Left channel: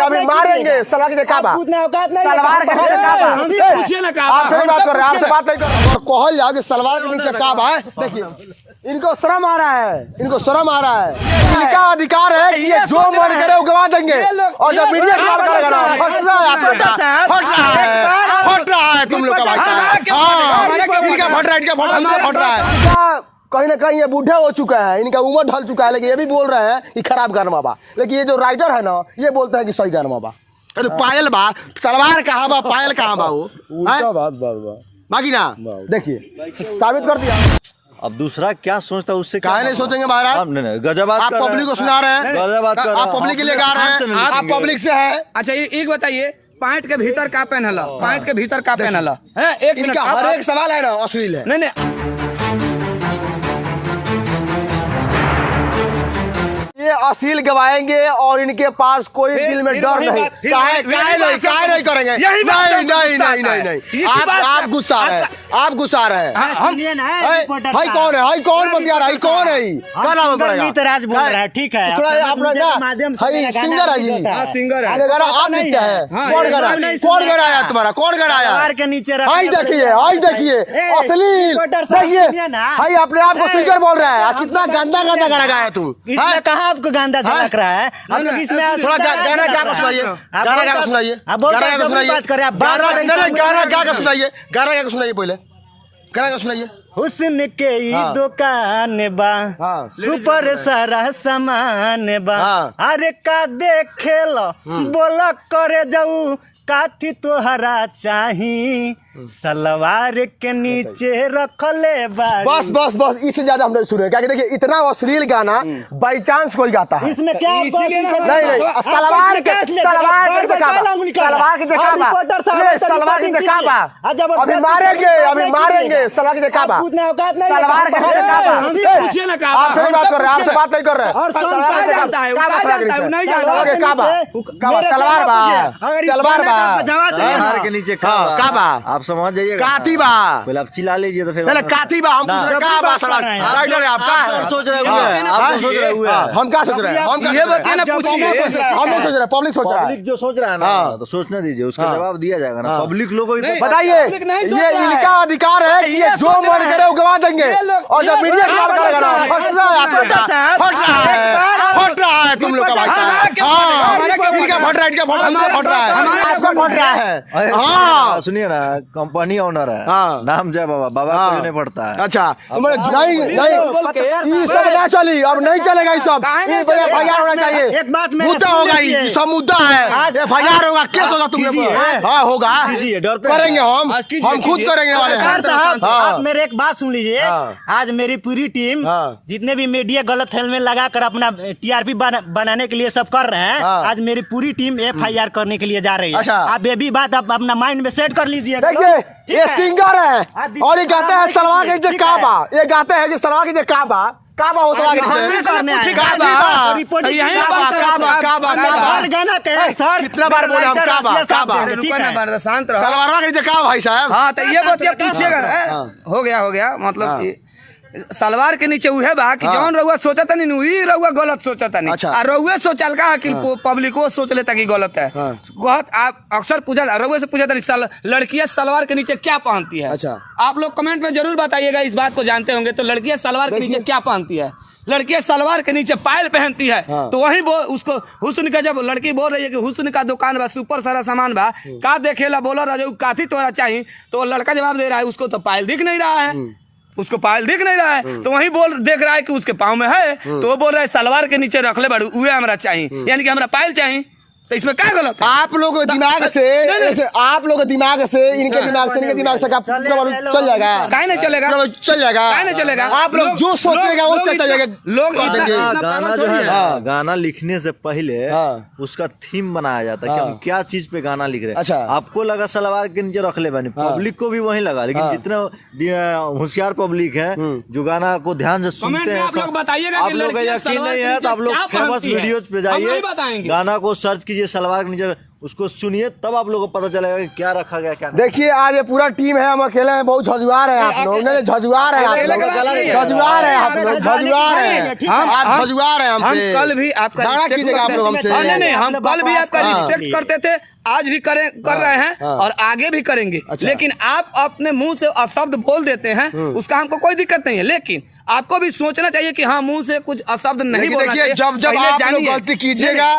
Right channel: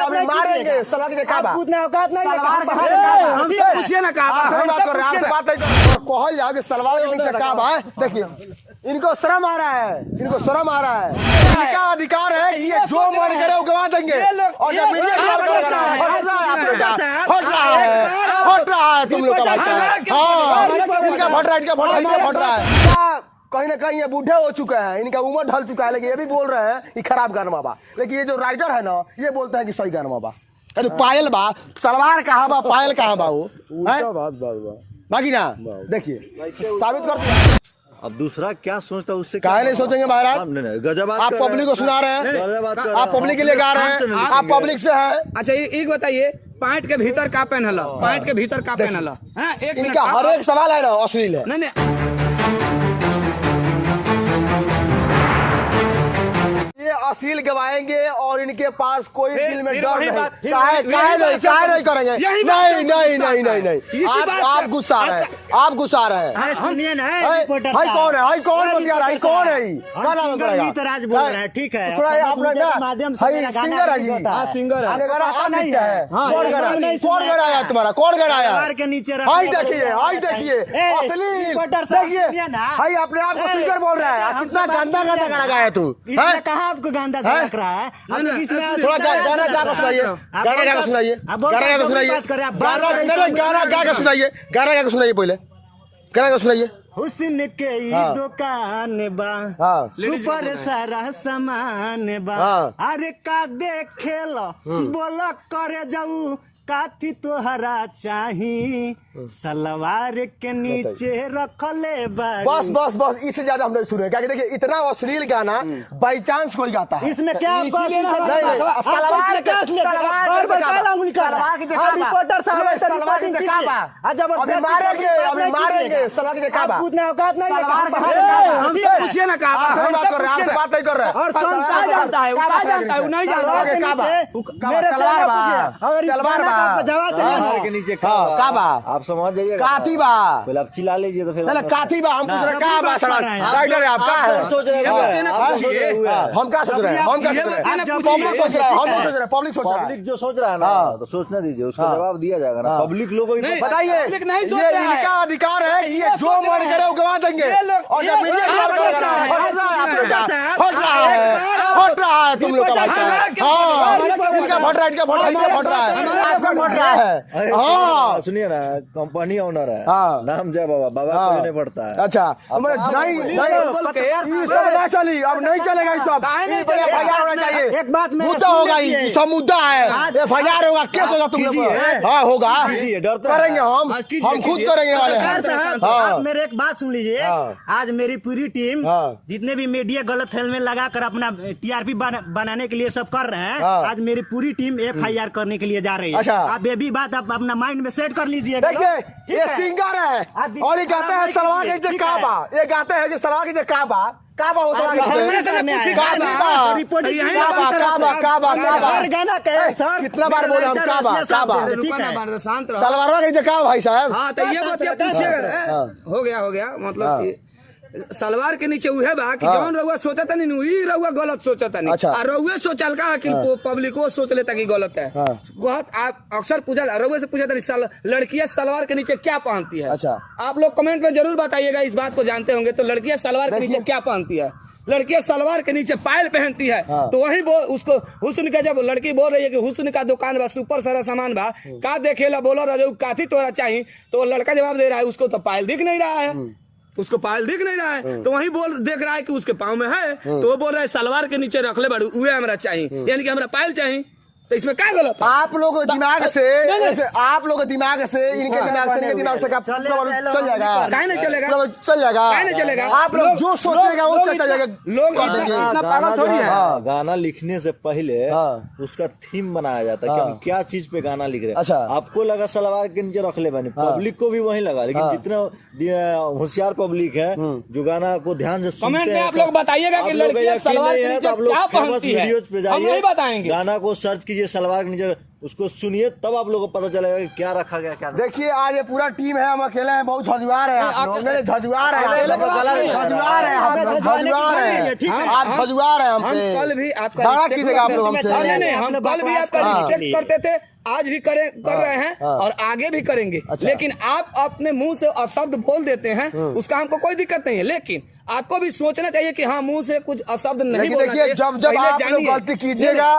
अभी मारेंगे सलाह की काबा पूछिए ना आपसे बात कर रहे हैं, आपसे बात नहीं कर रहे। कहल जाओ कि सलवार के नीचे काबा है, देखिए इनको शर्म आ रहा है, इनको शर्म आ रहा है। इनका अधिकार है कि ये जो मन करे वो गवा देंगे, और जब मीडिया हट रहा है तुम लोग का भाई साहब। हाँ इनका फट रहा है, इनका फट रहा है। कहीं ना कहीं ये बूढ़े हो चुके हैं, इनका उम्र ढल चुका है, लेकिन ये भी बोल रहे हैं कि खराब गाना बा। लेकिन ये जो राइटर है ना, ये बोलते हैं कि सही गाना बा। तो पायल बा, सलवार कहाँ बा, पायल कहाँ बा, वो बाकी ना देखिए साबित कर दिया। अब दूसरा क्या सोचता है उससे, काहे नहीं सोचेंगे महाराज। गजब आप पब्लिक को सुना रहे हैं, आप पब्लिक के लिए गा रहे हैं, आप पब्लिक से है। अच्छा एक बताइए, पैंट के भीतर का पहनला, पैंट के भीतर का पहनला है, इनका हर एक सवाल है ना अश्लील है। नहीं ये अश्लील गवाएंगे और इनके पास कोई दिल में डर नहीं। काहे नहीं करेंगे। नहीं आप गुस्सा रहे हैं, आप गुस्सा रहे हैं। हाई कौन है, हाई कौन बतिया रहा है, कौन है, क्या नाम पड़ेगा? ठीक है, माध्यम से सिंगर है जी, सिंगर है। कौन गराया तुम्हारा, कौन गराया? हाई देखिए अश्लील देखिए, हाई अपने आप को सिंगर बोल रहा है। कितना गंदा गाना गाया तू, कहाँ आपको गंदा झलक रहा है? थोड़ा गाना गा के सुनाइए, गाना गा के सुनाइए, पहले गाना गा सुनाइए। हुस्न के दुकान बा, सुपर सारा सामान बा, अरे का देखे लो बोला करे जाऊ, काथी तोहरा चाही, सलवार के नीचे रख ले। बस इससे ज्यादा हम नहीं सुने, क्या देखिए इतना अश्लील गाना बाई चांस कोई गाता है। इसमें क्या नहीं सलवार की काबा, अभी मारेंगे सलवार की काबा। पूछिए ना आपसे बात कर रहे हैं, आपसे बात नहीं कर रहे हैं। सलवार के नीचे काबा आप समझ जाइए, कातिबा पहले आप चिल्ला लीजिए तो फिर पहले कातिबा। हम पूछ रहे काबा सलवार राइटर है आपका है, सोच रहे हैं हम क्या सोच रहे हैं, हम नहीं सोच रहे, पब्लिक सोच रहा है। जो सोच रहा है ना तो सोचना दीजिए, उसका जवाब दिया जाएगा ना। पब्लिक लोगों को बताइए, ये इनका अधिकार है कि ये जो मन करे वो गवा देंगे, और जब मीडिया हट रहा है तुम लोग का भाई साहब। हाँ इनका फट रहा है, इनका फट रहा है। हाँ सुनिए ना, कंपनी ओनर है, नाम जय बाबा नहीं पड़ता है। अच्छा नहीं सब ना चली, अब नहीं चलेगा ये सब। FIR होना चाहिए, मुद्दा होगा, ये सब मुद्दा है। FIR होगा, केस होगा तुम लोग। हाँ होगा, करेंगे हम खुद करेंगे वाले हैं। आप मेरे एक बात सुन लीजिए, आज मेरी पूरी टीम जितने भी मीडिया गलत हेलमेट लगाकर अपना TRP बनाने के लिए सब कर रहे हैं, आज मेरी पूरी टीम FIR करने के लिए जा रही है। आप ये भी बात आप अपना माइंड में सेट कर लीजिए। देखिए ये सिंगर है और ये गाते हैं सलवार के नीचे काबा, ये गाते हैं कि सलवार के नीचे काबा हो सलवार के नीचे काबा। कितना बार बोले हम काबा सलवार के नीचे काबा भाई साहब। हाँ तो ये बात पूछिएगा, हो गया मतलब सलवार के नीचे उहे बा कि जौन रउआ सोचता नहीं वही रउआ गलत सोचता नहीं। अच्छा। और रउआ सोचल का कि पब्लिक वो सोच लेता कि गलत है। बहुत आप अक्सर पूछा रउआ से पूछा था लड़कियां सलवार के नीचे क्या पहनती है। अच्छा। आप लोग कमेंट में जरूर बताइएगा, इस बात को जानते होंगे तो लड़कियां सलवार के नीचे क्या पहनती है। लड़कियां सलवार के नीचे पायल पहनती है। तो वही उसको हुस्न का, जब लड़की बोल रही है कि हुस्न का दुकान बा, सुपर सारा सामान बा, का देखेला बोला रजऊ काथी तोरा चाहिए, तो लड़का जवाब दे रहा है उसको तो पायल दिख नहीं रहा है, उसको पायल दिख नहीं रहा है। तो वही देख रहा है कि उसके पाँव में है, तो वो बोल रहा है सलवार के नीचे रख ले बड़ू उहे हमरा चाहिए, यानी कि हमरा पायल चाहिए। तो इसमें क्या गलत है? आप लोग दिमाग से इनके दिमाग से चल जाएगा, काहे नहीं चलेगा, चल जाएगा। आप लोग जो सोचेगा वो चल जाएगा। लोग गाना जो है, गाना लिखने से पहले उसका थीम बनाया जाता है कि हम क्या चीज पे गाना लिख रहे हैं। अच्छा। आपको लगा सलवार के नीचे रख ले बनी, पब्लिक को भी वही लगा, लेकिन जितने होशियार पब्लिक है जो गाना को ध्यान से सुनते हैं, आप लोग बताइएगा कि लड़कियां सलवार के नीचे आप लोग फेमस वीडियोज पे जाइए, बताएंगे, गाना को सर्च कीजिए सलवार के नीचे उसको सुनिए, तब आप लोगों को पता चलेगा कि क्या रखा गया क्या नहीं। देखिए आज ये पूरा टीम है, हम अकेले हैं, बहुत झजुआर है आप लोग, नहीं झजुआर है आप लोग, झजुआर है आप लोग, झजुआर है आप, झजुआर है हम हमसे, कल भी आपका बड़ा respect कीजिएगा आप लोग करते थे। हमसे। नहीं, हम कल भी आपका रिस्पेक्ट करते थे, आज भी कर रहे हैं और आगे भी करेंगे। लेकिन आप अपने मुंह से अशब्द बोल देते हैं, उसका हमको कोई दिक्कत नहीं है, लेकिन आपको भी सोचना चाहिए कि हाँ मुंह से कुछ अशब्द नहीं लेकिन बोलना देखिए चाहिए। जब आप लोग गलती कीजिएगा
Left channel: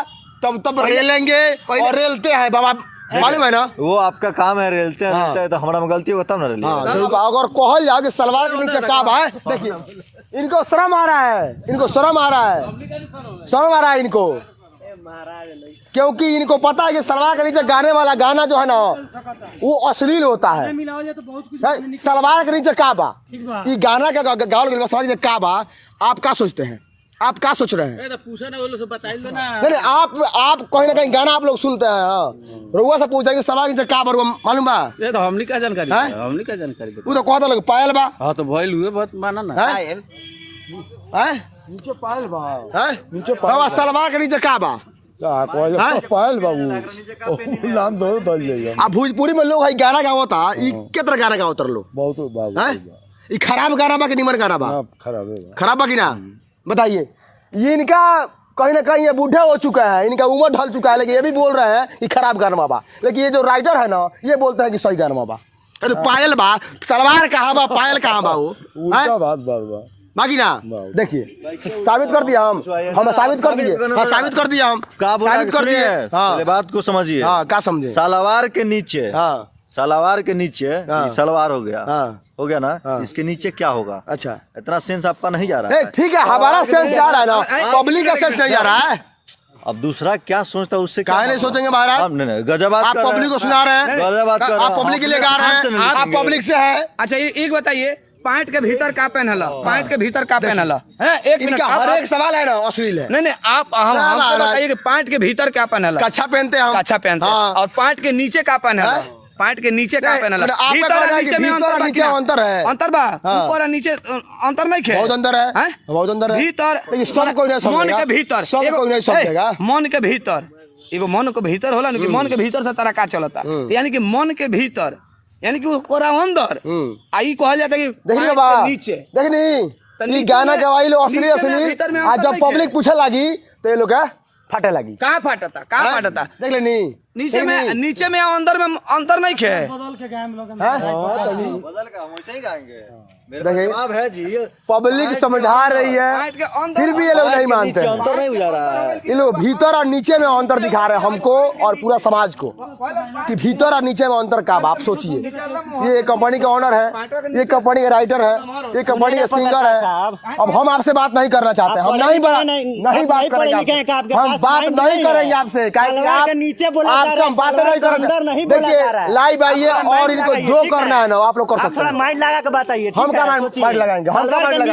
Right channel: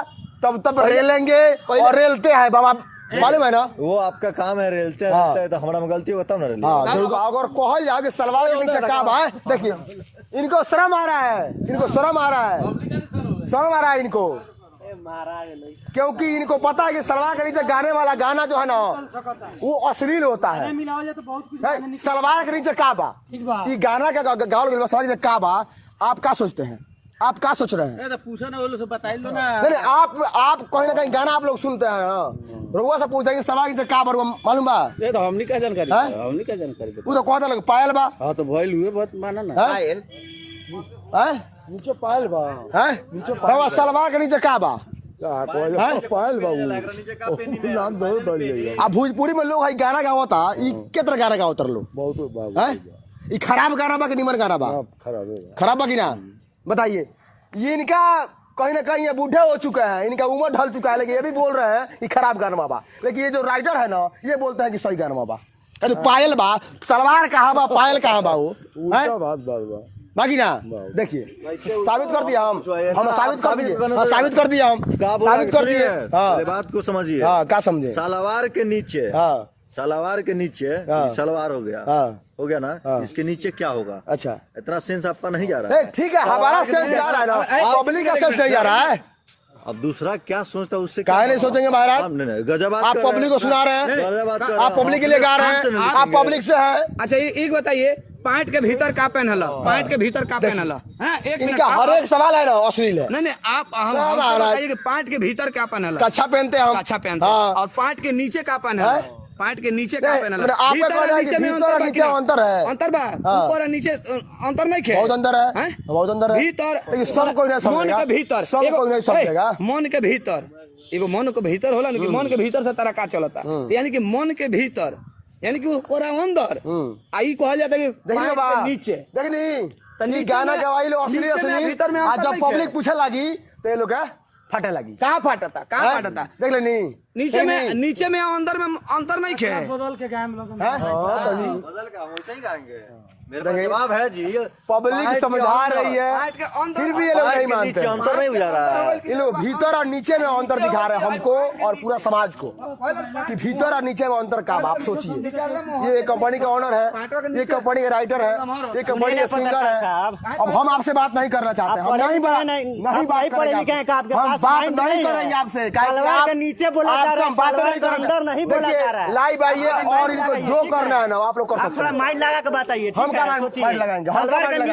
तब रेलेंगे और रेलते हैं बाबा, मालूम है ना। वो आपका काम है, रेलते हैं हाँ। रेलते हैं, तो हमारा में गलती होता ना रेल। हाँ, अगर कहल जाए कि सलवार के नीचे का बा, देखिए इनको शर्म आ रहा है, इनको शर्म आ रहा है, शर्म आ रहा है इनको, क्योंकि इनको पता है कि सलवार के नीचे गाने वाला गाना जो है ना वो अश्लील होता है। सलवार के नीचे का बा, ये गाना का गाओ सलवार के का बा, आप क्या सोचते हैं, आप क्या सोच रहे हैं? पूछो ना, वो लोग बताइए ना। नहीं आप कहीं ना कहीं गाना आप लोग सुनते हैं, रुआ से पूछते हैं सलवार के नीचे का बा, मालूम बा? ये तो हमने क्या जानकारी, हमने क्या जानकारी। वो तो कहता लगे पायल बा। हाँ तो भइल हुए बहुत माना ना। नीचे पायल बा, बाबा सलवार के नीचे का बा, पायल बाबू नाम दो अब भोजपुरी में लोग है गाना गावता, ई के तरह गाना गावता लोग, बहुत खराब गाना बा कि निमन गाना बा? खराब बा कि ना, बताइए। ये इनका कहीं ना कहीं ये बूढ़े हो चुका है, इनका उम्र ढल चुका है, लेकिन ये भी बोल रहे हैं ये खराब गाना बा, लेकिन ये जो राइटर है ना ये बोलते हैं कि सही गाना बा। अरे पायल बा, सलवार कहाँ बा, पायल कहाँ बा, वो बाकी ना। देखिए साबित कर दिया हम साबित कर दिए, साबित कर दिया हम, साबित कर दिए। हाँ बात को समझिए। हाँ क्या समझे? सलवार के नीचे, हाँ सलवार के नीचे सलवार हो गया, हो गया ना, इसके नीचे क्या होगा? अच्छा इतना सेंस आपका नहीं जा रहा है। ठीक है, हमारा सेंस जा रहा है ना, पब्लिक का सेंस नहीं जा रहा है। अब दूसरा क्या सोचता है उससे काहे नहीं सोचेंगे महाराज? नहीं गजब आप पब्लिक को सुना रहे हैं, आप पब्लिक के लिए गा रहे हैं, आप पब्लिक से है। अच्छा एक बताइए, पैंट के भीतर का पहनला, पैंट के भीतर का पहनला है? एक इनका हर एक सवाल है ना अश्लील है। नहीं आप पैंट के भीतर क्या पहनला? कच्छा पहनते हैं हम, अच्छा पहनते हैं, और पैंट के नीचे का पहनला, पैंट के नीचे का पहनला। आपका कहना है कि भीतर और नीचे अंतर है, अंतर बा, ऊपर और नीचे अंतर नहीं है, बहुत अंतर है, बहुत अंतर है। भीतर सब कोई नहीं समझेगा, मन के भीतर सब कोई नहीं समझेगा। मन के भीतर एगो मन के भीतर होला ना, कि मन के भीतर से तारा का चलता, यानी कि मन के भीतर, यानी कि ओकरा अंदर आई कहल जाता है कि देखिए बा नीचे, देखनी गाना गवाई लो असली असली, आज जब पब्लिक पूछे लगी तो ये लोग क्या फटे लगी, कहाँ फाटता, कहाँ फाटता? देख लेनी नीचे में अंदर में अंतर नहीं है। बदल का वैसे ही गाएंगे, मेरा जवाब है जी। पब्लिक समझा रही है, फिर भी ये लोग नहीं मानते, अंतर नहीं जा रहा है। ये लोग भीतर और नीचे में अंतर दिखा रहे हैं हमको और पूरा समाज को, कि भीतर और नीचे में अंतर का। आप सोचिए, ये कंपनी का ओनर है, ये कंपनी का राइटर है, ये कंपनी का सिंगर है। अब हम आपसे बात नहीं करना चाहते, हम नहीं बात करेंगे, हम बात नहीं करेंगे आपसे, आपसे हम बात नहीं करेंगे। देखिए लाइव आइए और इनको जो करना है ना आप लोग कर सकते हैं। माइंड लगा के बताइए, हम क्या माइंड लगाएंगे, हम क्या माइंड लगाएंगे?